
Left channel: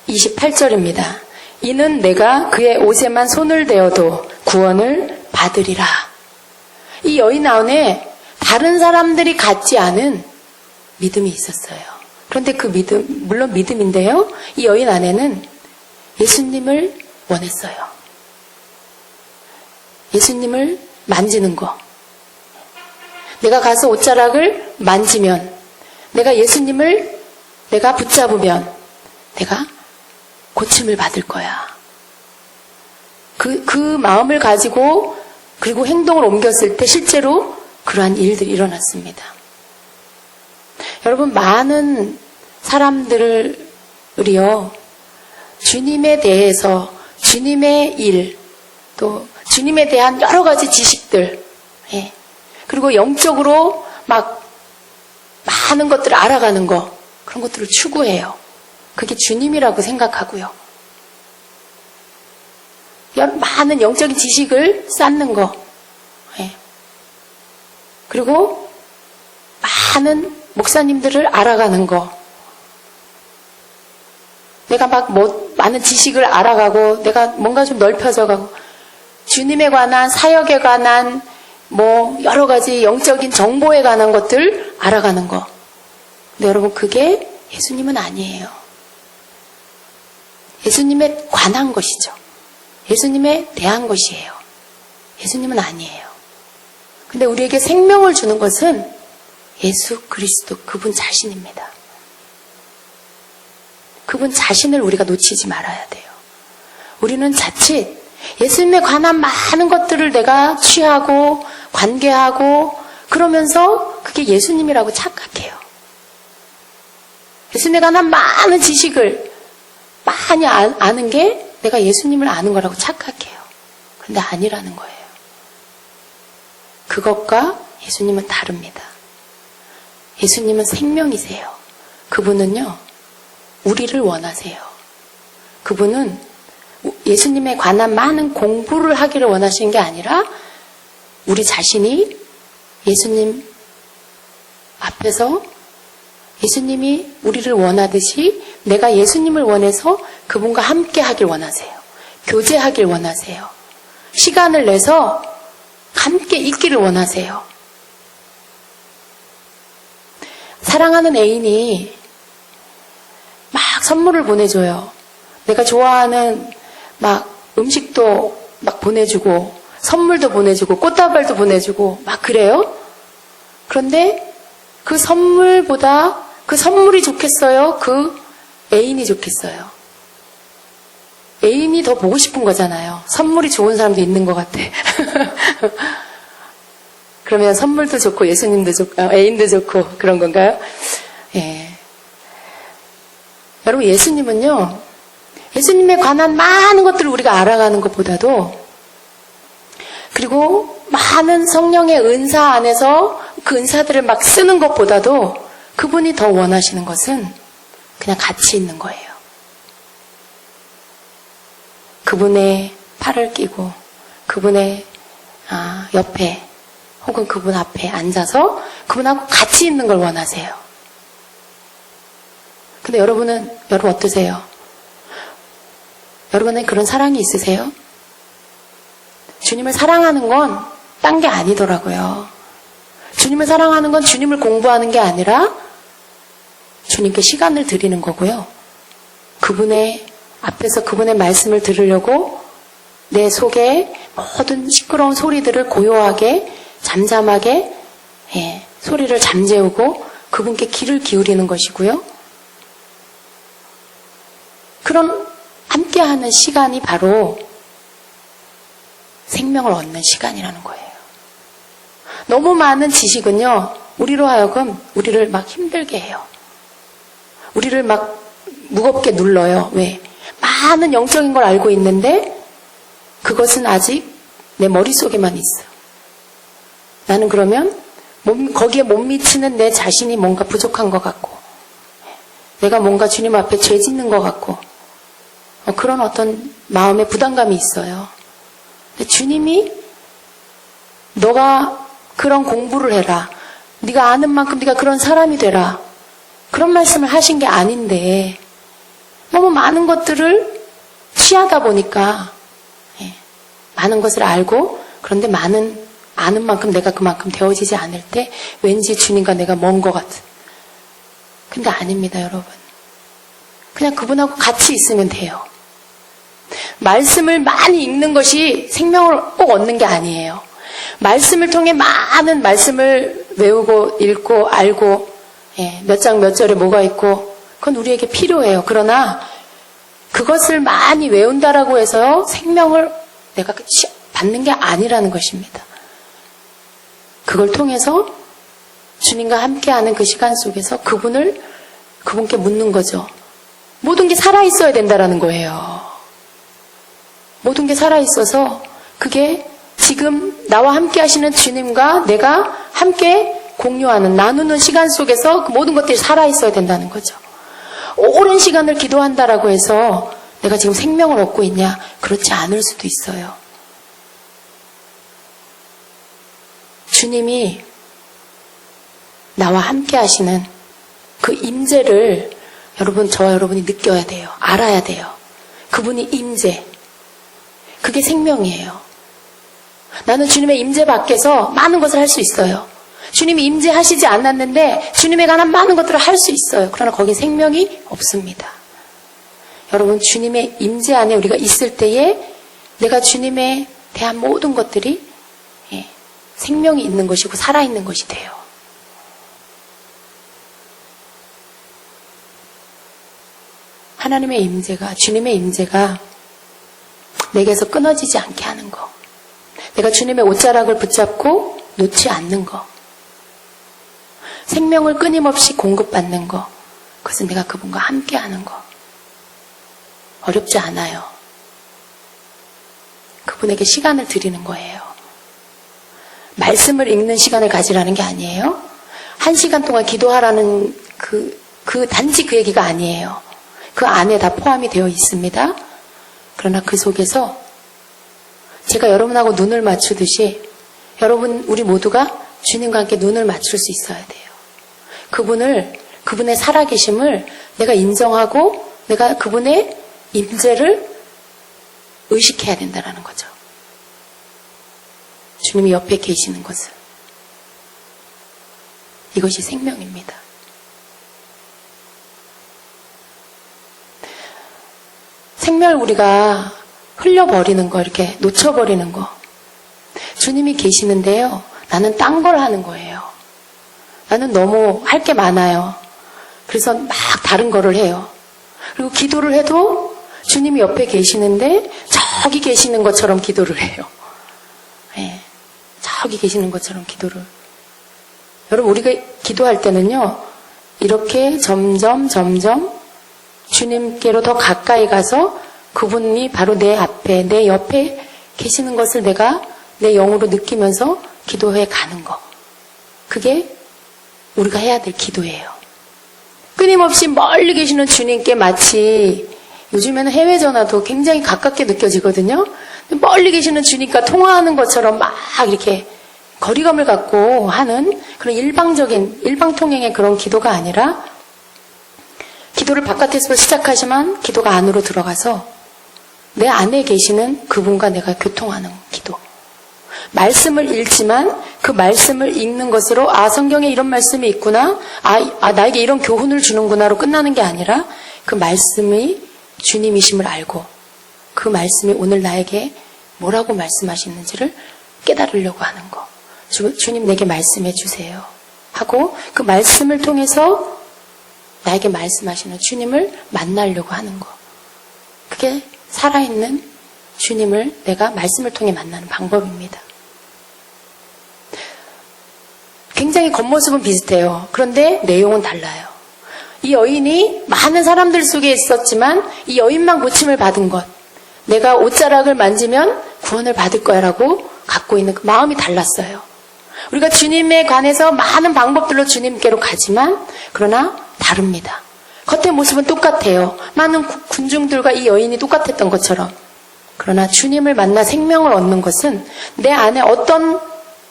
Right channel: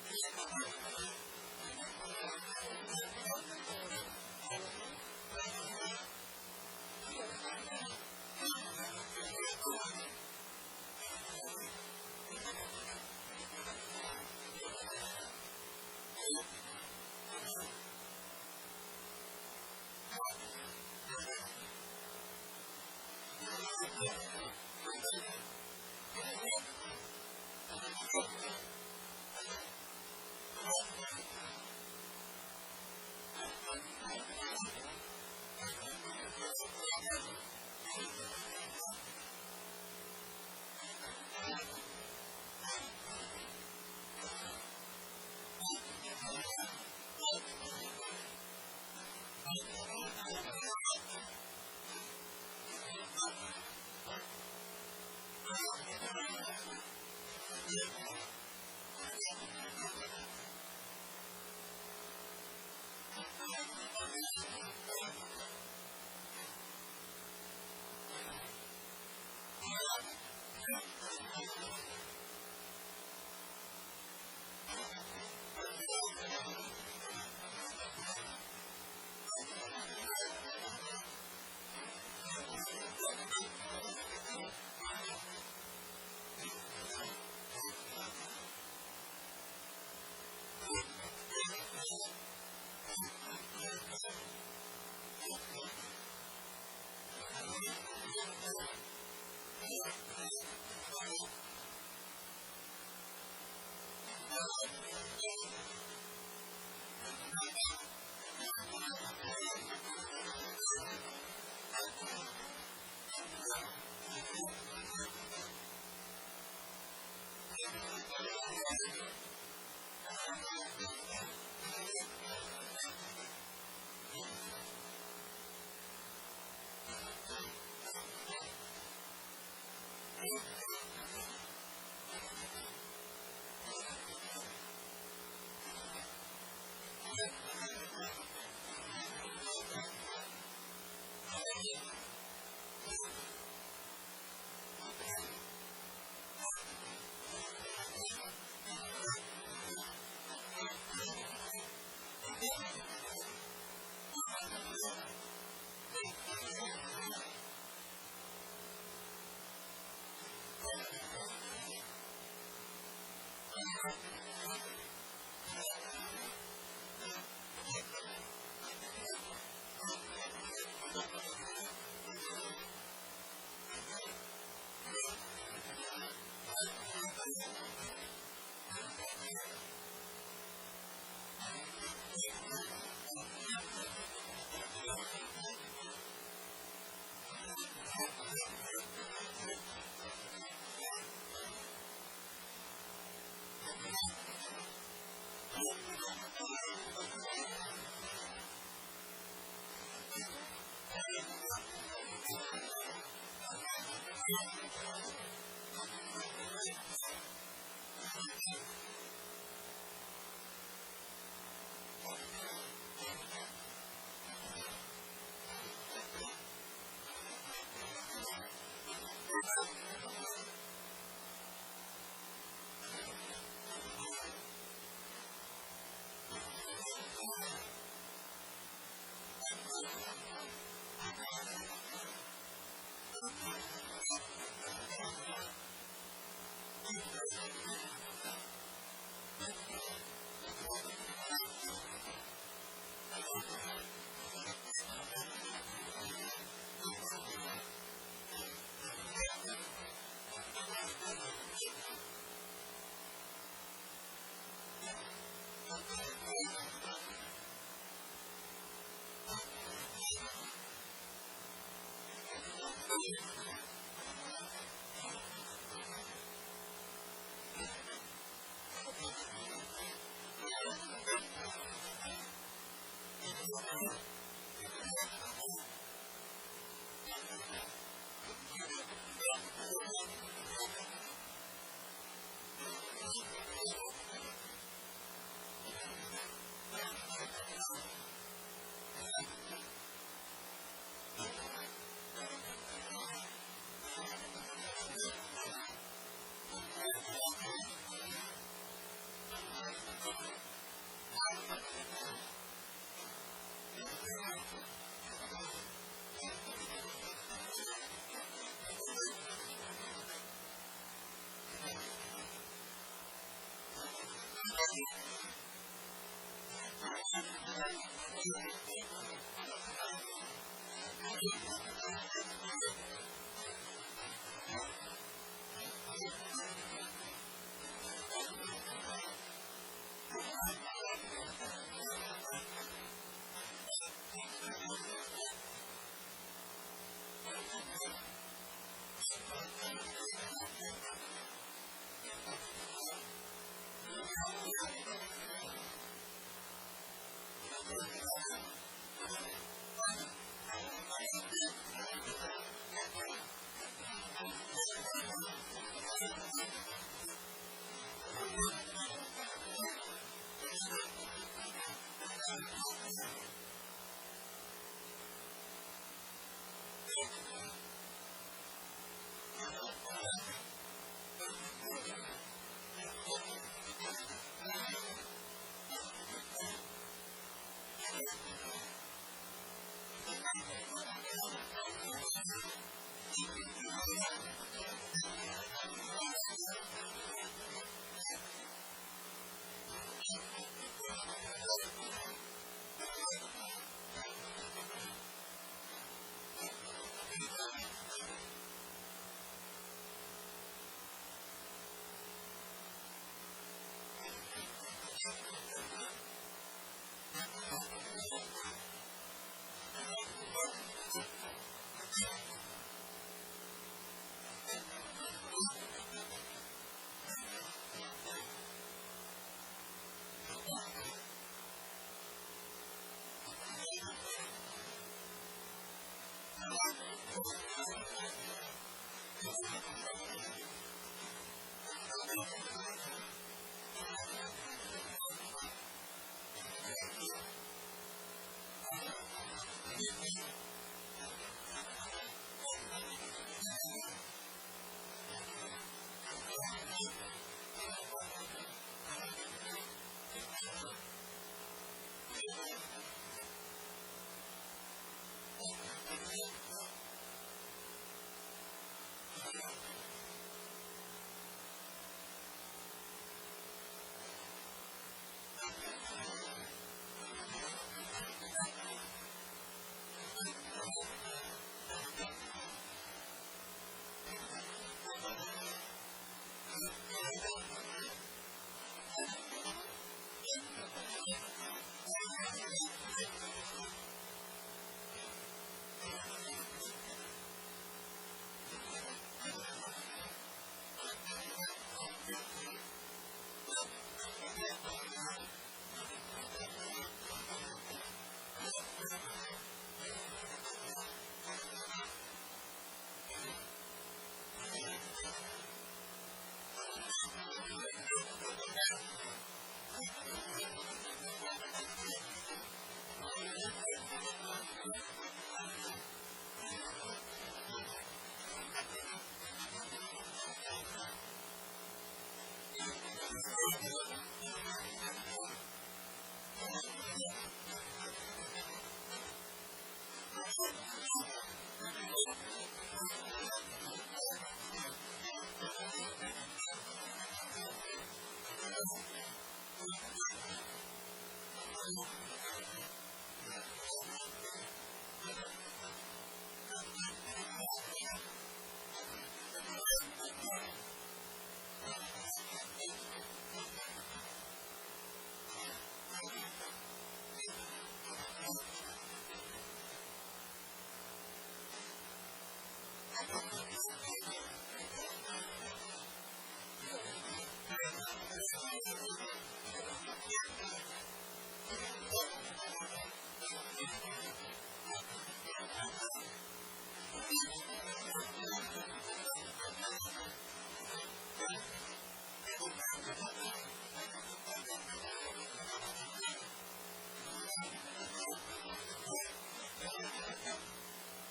28절입니다. 이는 내가 그의 옷에만 손을 대어도 구원을 받으리라. 이 여인 안에 다른 사람들이 갖지 않은 믿음이 있었어요. 그런데 그 믿음, 물론 믿음인데요. 이 여인 안에는 예수님을 원했어요. 예수님을 만지는 거. 내가 가서 옷자락을 만지면, 내가 예수님을 내가 붙잡으면 내가 고침을 받을 거야. 그 마음을 가지고 그리고 행동을 옮겼을 때 실제로 그러한 일들이 일어났습니다. 여러분, 많은 사람들이요, 주님에 대해서, 주님의 일, 또 주님에 대한 여러 가지 지식들, 그리고 영적으로 막 많은 것들을 알아가는 거, 그런 것들을 추구해요. 그게 주님이라고 생각하고요. 많은 영적인 지식을 쌓는 거, 그리고 많은 목사님들을 알아가는 거, 내가 막 많은 지식을 알아가고 내가 뭔가 좀 넓혀져가고 주님에 관한, 사역에 관한 여러 가지 영적인 정보에 관한 것들 알아가는 거. 근데 여러분, 그게 예수님은 아니에요. 예수님에 관한 것이죠. 예수님에 대한 것이에요. 예수님은 아니에요. 근데 우리에게 생명을 주는 것은 예수 그리스도, 그분 자신입니다. 그분 자신을 우리가 놓치지 말아야 돼요. 우리는 자칫 예수님에 관한 많은 것들을 내가 취하고 관계하고 그러면서 그게 예수님이라고 착각해요. 예수님에 관한 많은 지식을 많이 아는 게 내가 예수님을 아는 거라고 착각해요. 근데 아니라는 거예요. 그것과 예수님은 다릅니다. 예수님은 생명이세요. 그분은요, 우리를 원하세요. 그분은 예수님에 관한 많은 공부를 하기를 원하시는 게 아니라 우리 자신이 예수님 앞에서 예수님이 우리를 원하듯이 내가 예수님을 원해서 그분과 함께 하길 원하세요. 교제하길 원하세요. 시간을 내서 함께 있기를 원하세요. 사랑하는 애인이 막 선물을 보내줘요. 내가 좋아하는 막 음식도 막 보내주고 선물도 보내주고 꽃다발도 보내주고 막 그래요. 그런데 그 선물보다 그 선물이 좋겠어요? 그 애인이 좋겠어요? 애인이 더 보고 싶은 거잖아요. 선물이 좋은 사람도 있는 것 같아. 그러면 선물도 좋고 예수님도 좋고 애인도 좋고 그런 건가요? 예. 여러분, 예수님은요, 예수님에 관한 많은 것들을 우리가 알아가는 것보다도, 그리고 많은 성령의 은사 안에서 그 은사들을 막 쓰는 것보다도 그분이 더 원하시는 것은 그냥 같이 있는 거예요. 그분의 팔을 끼고 그분의 옆에 혹은 그분 앞에 앉아서 그분하고 같이 있는 걸 원하세요. 근데 여러분 어떠세요? 여러분은 그런 사랑이 있으세요? 주님을 사랑하는 건 딴 게 아니더라고요. 주님을 사랑하는 건 주님을 공부하는 게 아니라 주님께 시간을 드리는 거고요. 그분의 앞에서 그분의 말씀을 들으려고 내 속에 모든 시끄러운 소리들을 고요하게 잠잠하게 소리를 잠재우고 그분께 귀를 기울이는 것이고요. 그런 함께하는 시간이 바로 생명을 얻는 시간이라는 거예요. 너무 많은 지식은요, 우리로 하여금 우리를 막 힘들게 해요. 우리를 막 무겁게 눌러요. 왜? 많은 영적인 걸 알고 있는데 그것은 아직 내 머릿속에만 있어. 나는 그러면 거기에 못 미치는 내 자신이 뭔가 부족한 것 같고 내가 뭔가 주님 앞에 죄 짓는 것 같고 그런 어떤 마음의 부담감이 있어요. 근데 주님이 너가 그런 공부를 해라. 네가 아는 만큼 네가 그런 사람이 되라. 그런 말씀을 하신 게 아닌데 너무 많은 것들을 취하다 보니까 많은 것을 알고 그런데 아는 만큼 내가 그만큼 되어지지 않을 때 왠지 주님과 내가 먼 것 같은. 근데 아닙니다, 여러분. 그냥 그분하고 같이 있으면 돼요. 말씀을 많이 읽는 것이 생명을 꼭 얻는 게 아니에요. 말씀을 통해 많은 말씀을 외우고 읽고 알고 몇 장 몇 절에 뭐가 있고 그건 우리에게 필요해요. 그러나 그것을 많이 외운다라고 해서 생명을 내가 받는 게 아니라는 것입니다. 그걸 통해서 주님과 함께하는 그 시간 속에서 그분께 묻는 거죠. 모든 게 살아있어야 된다라는 거예요. 모든 게 살아있어서 그게 지금 나와 함께 하시는 주님과 내가 함께 공유하는, 나누는 시간 속에서 그 모든 것들이 살아있어야 된다는 거죠. 오랜 시간을 기도한다라고 해서 내가 지금 생명을 얻고 있냐? 그렇지 않을 수도 있어요. 주님이 나와 함께 하시는 그 임재를 저와 여러분이 느껴야 돼요. 알아야 돼요. 그분이 임재. 그게 생명이에요. 나는 주님의 임재 밖에서 많은 것을 할 수 있어요. 주님이 임재하시지 않았는데 주님에 관한 많은 것들을 할 수 있어요. 그러나 거기에 생명이 없습니다. 여러분, 주님의 임재 안에 우리가 있을 때에 내가 주님에 대한 모든 것들이 생명이 있는 것이고 살아있는 것이 돼요. 하나님의 임재가, 주님의 임재가 내게서 끊어지지 않게 하는 거. 내가 주님의 옷자락을 붙잡고 놓지 않는 거. 생명을 끊임없이 공급받는 거. 그것은 내가 그분과 함께 하는 거. 어렵지 않아요. 그분에게 시간을 드리는 거예요. 말씀을 읽는 시간을 가지라는 게 아니에요. 1시간 동안 기도하라는 단지 그 얘기가 아니에요. 그 안에 다 포함이 되어 있습니다. 그러나 그 속에서 제가 여러분하고 눈을 맞추듯이 우리 모두가 주님과 함께 눈을 맞출 수 있어야 돼요. 그분의 살아계심을 내가 인정하고 내가 그분의 임재를 의식해야 된다는 거죠. 주님이 옆에 계시는 것을. 이것이 생명입니다. 생명을 우리가 흘려버리는 거, 이렇게 놓쳐버리는 거. 주님이 계시는데요. 나는 딴 걸 하는 거예요. 나는 너무 할 게 많아요. 그래서 막 다른 거를 해요. 그리고 기도를 해도 주님이 옆에 계시는데 저기 계시는 것처럼 기도를 해요. 저기 계시는 것처럼 기도를. 여러분, 우리가 기도할 때는요. 이렇게 점점 주님께로 더 가까이 가서 그분이 바로 내 앞에, 내 옆에 계시는 것을 내가 내 영으로 느끼면서 기도해 가는 거. 그게 우리가 해야 될 기도예요. 끊임없이 멀리 계시는 주님께 마치 요즘에는 해외 전화도 굉장히 가깝게 느껴지거든요. 멀리 계시는 주님과 통화하는 것처럼 막 이렇게 거리감을 갖고 하는 그런 일방통행의 그런 기도가 아니라 기도를 바깥에서 시작하지만 기도가 안으로 들어가서 내 안에 계시는 그분과 내가 교통하는 기도. 말씀을 읽지만 그 말씀을 읽는 것으로 성경에 이런 말씀이 있구나, 나에게 이런 교훈을 주는구나로 끝나는 게 아니라 그 말씀이 주님이심을 알고 그 말씀이 오늘 나에게 뭐라고 말씀하시는지를 깨달으려고 하는 거. 주님 내게 말씀해 주세요 하고 그 말씀을 통해서 나에게 말씀하시는 주님을 만나려고 하는 거. 그게 살아있는 주님을 내가 말씀을 통해 만나는 방법입니다. 굉장히 겉모습은 비슷해요. 그런데 내용은 달라요. 이 여인이 많은 사람들 속에 있었지만 이 여인만 고침을 받은 것, 내가 옷자락을 만지면 구원을 받을 거야라고 갖고 있는 그 마음이 달랐어요. 우리가 주님에 관해서 많은 방법들로 주님께로 가지만 그러나 다릅니다. 겉의 모습은 똑같아요. 많은 군중들과 이 여인이 똑같았던 것처럼. 그러나 주님을 만나 생명을 얻는 것은 내 안에 어떤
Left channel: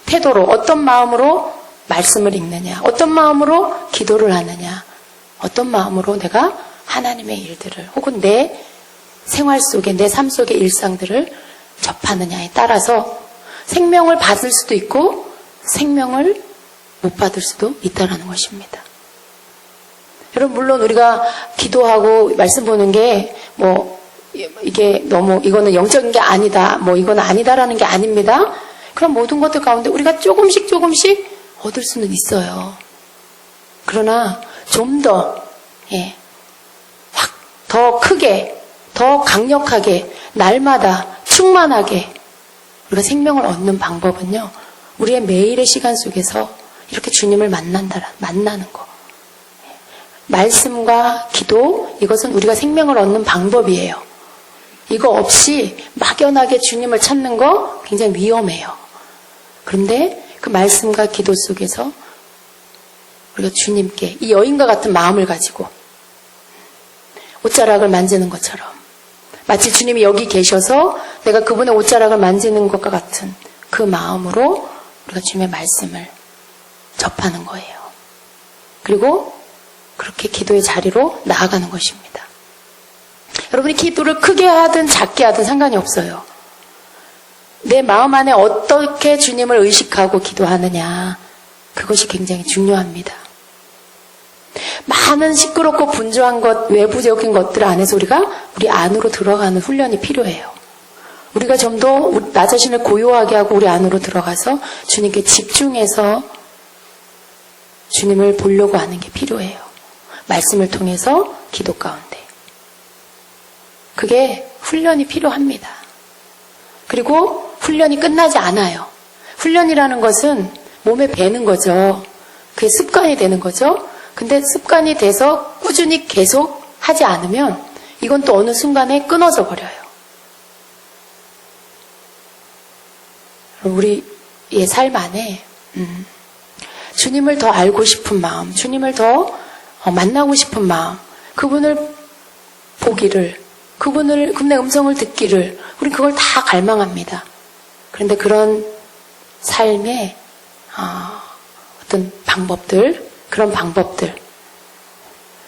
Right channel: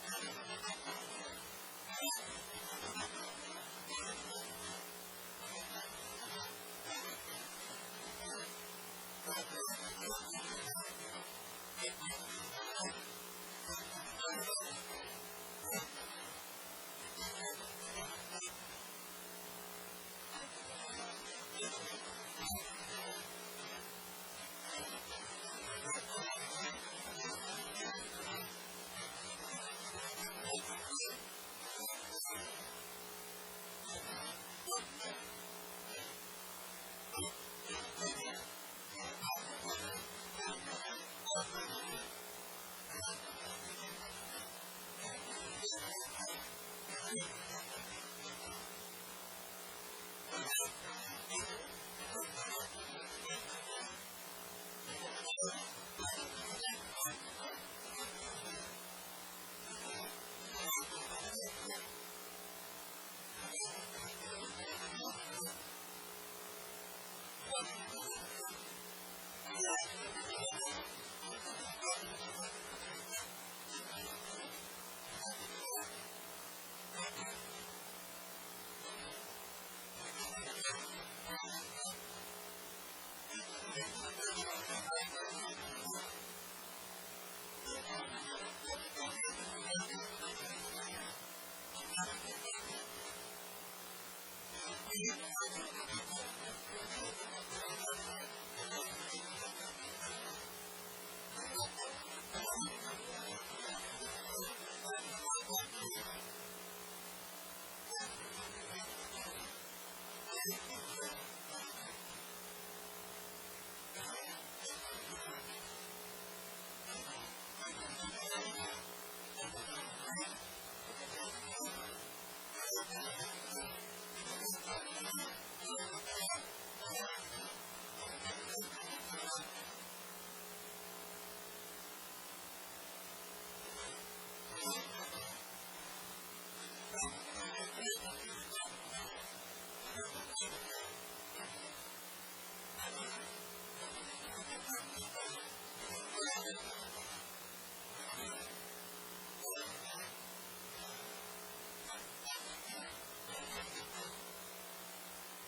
태도로, 어떤 마음으로 말씀을 읽느냐, 어떤 마음으로 기도를 하느냐, 어떤 마음으로 내가 하나님의 일들을 혹은 내 생활 속에, 내 삶 속의 일상들을 접하느냐에 따라서 생명을 받을 수도 있고 생명을 못 받을 수도 있다는 것입니다. 여러분, 물론 우리가 기도하고 말씀 보는 게 이게 너무 이거는 영적인 게 아니다, 이거는 아니다라는 게 아닙니다. 그런 모든 것들 가운데 우리가 조금씩 얻을 수는 있어요. 그러나 좀 더 더 크게, 더 강력하게, 날마다 충만하게 우리가 생명을 얻는 방법은요, 우리의 매일의 시간 속에서 이렇게 주님을 만나는 거. 말씀과 기도, 이것은 우리가 생명을 얻는 방법이에요. 이거 없이 막연하게 주님을 찾는 거 굉장히 위험해요. 그런데 그 말씀과 기도 속에서 우리가 주님께 이 여인과 같은 마음을 가지고 옷자락을 만지는 것처럼, 마치 주님이 여기 계셔서 내가 그분의 옷자락을 만지는 것과 같은 그 마음으로 우리가 주님의 말씀을 접하는 거예요. 그리고 그렇게 기도의 자리로 나아가는 것입니다. 여러분이 기도를 크게 하든 작게 하든 상관이 없어요. 내 마음 안에 어떻게 주님을 의식하고 기도하느냐, 그것이 굉장히 중요합니다. 많은 시끄럽고 분주한 것, 외부적인 것들 안에서 우리가 우리 안으로 들어가는 훈련이 필요해요. 우리가 좀 더 나 자신을 고요하게 하고 우리 안으로 들어가서 주님께 집중해서 주님을 보려고 하는 게 필요해요. 말씀을 통해서 기도 가운데. 그게 훈련이 필요합니다. 그리고 훈련이 끝나지 않아요. 훈련이라는 것은 몸에 배는 거죠. 그게 습관이 되는 거죠. 근데 습관이 돼서 꾸준히 계속 하지 않으면 이건 또 어느 순간에 끊어져 버려요. 우리의 삶 안에 주님을 더 알고 싶은 마음, 주님을 더 만나고 싶은 마음, 그분을 보기를, 그분의 음성을 듣기를, 우리 그걸 다 갈망합니다. 그런데 그런 삶의 어떤 방법들, 그런 방법들,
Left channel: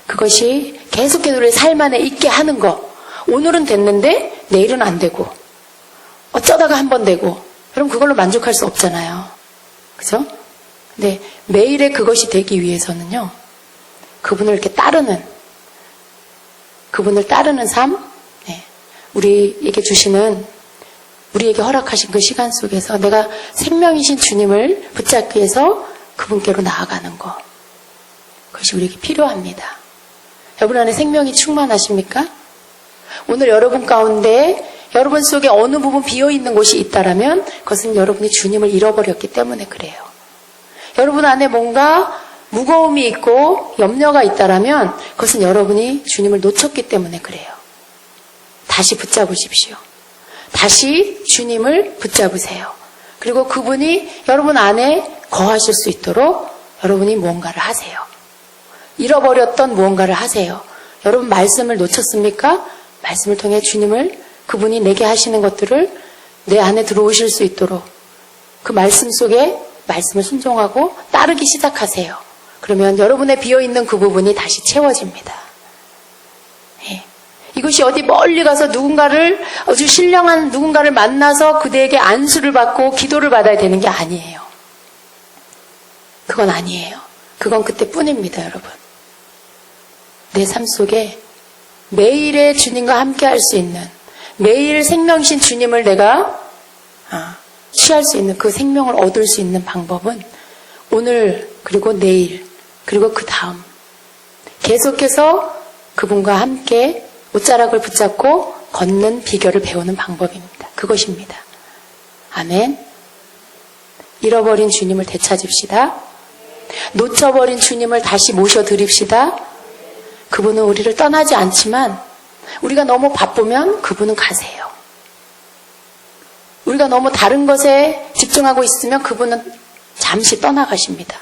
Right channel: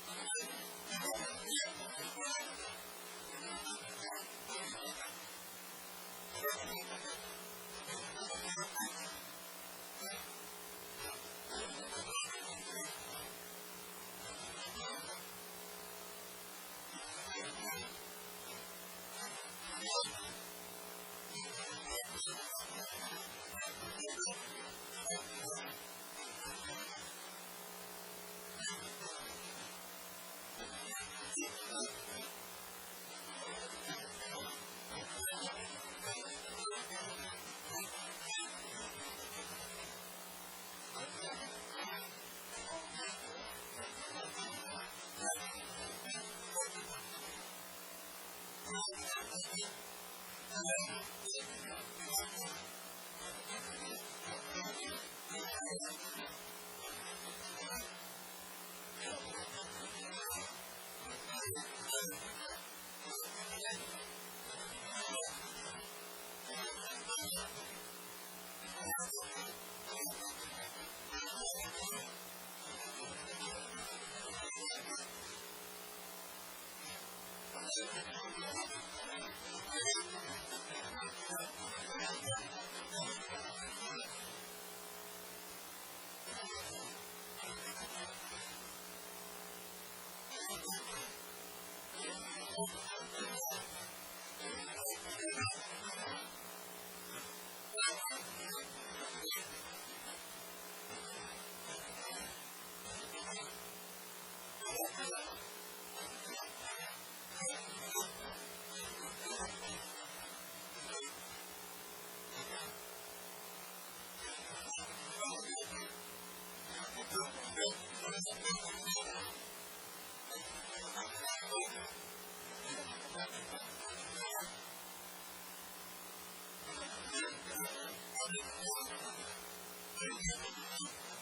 그것이 계속해서 우리 삶 안에 있게 하는 거. 오늘은 됐는데 내일은 안 되고, 어쩌다가 한 번 되고, 그럼 그걸로 만족할 수 없잖아요. 그죠? 근데 매일의 그것이 되기 위해서는요, 그분을 이렇게 그분을 따르는 삶, 우리에게 우리에게 허락하신 그 시간 속에서 내가 생명이신 주님을 붙잡기 위해서 그분께로 나아가는 것. 그것이 우리에게 필요합니다. 여러분 안에 생명이 충만하십니까? 오늘 여러분 가운데 여러분 속에 어느 부분 비어있는 곳이 있다라면 그것은 여러분이 주님을 잃어버렸기 때문에 그래요. 여러분 안에 뭔가 무거움이 있고 염려가 있다라면 그것은 여러분이 주님을 놓쳤기 때문에 그래요. 다시 붙잡으십시오. 다시 주님을 붙잡으세요. 그리고 그분이 여러분 안에 거하실 수 있도록 여러분이 무언가를 하세요. 잃어버렸던 무언가를 하세요. 여러분 말씀을 놓쳤습니까? 말씀을 통해 그분이 내게 하시는 것들을 내 안에 들어오실 수 있도록 그 말씀 속에 말씀을 순종하고 따르기 시작하세요. 그러면 여러분의 비어있는 그 부분이 다시 채워집니다. 이것이 어디 멀리 가서 누군가를, 아주 신령한 누군가를 만나서 그대에게 안수를 받고 기도를 받아야 되는 게 아니에요. 그건 아니에요. 그건 그때뿐입니다, 여러분. 내 삶 속에 매일의 주님과 함께 할 수 있는, 매일 생명신 주님을 내가 취할 수 있는, 그 생명을 얻을 수 있는 방법은 오늘, 그리고 내일, 그리고 그 다음 계속해서 그분과 함께 옷자락을 붙잡고 걷는 비결을 배우는 방법입니다. 그것입니다. 아멘. 잃어버린 주님을 되찾읍시다. 놓쳐버린 주님을 다시 모셔드립시다. 그분은 우리를 떠나지 않지만 우리가 너무 바쁘면 그분은 가세요. 우리가 너무 다른 것에 집중하고 있으면 그분은 잠시 떠나가십니다.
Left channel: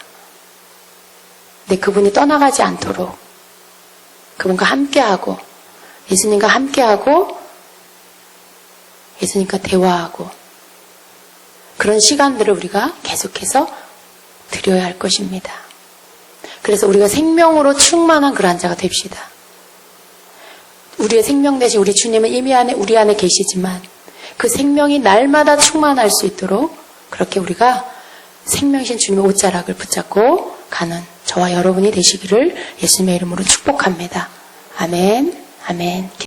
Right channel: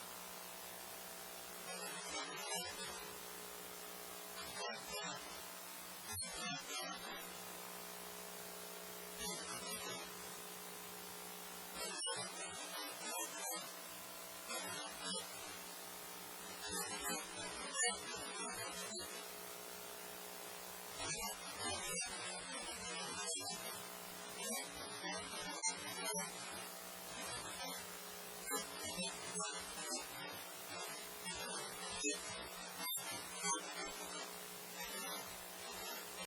근데 그분이 떠나가지 않도록 그분과 함께하고, 예수님과 함께하고, 예수님과 대화하고, 그런 시간들을 우리가 계속해서 드려야 할 것입니다. 그래서 우리가 생명으로 충만한 그러한 자가 됩시다. 우리의 생명 대신 우리 주님은 이미 우리 안에 계시지만 그 생명이 날마다 충만할 수 있도록 그렇게 우리가 생명이신 주님의 옷자락을 붙잡고 가는 저와 여러분이 되시기를 예수님의 이름으로 축복합니다. 아멘. 아멘.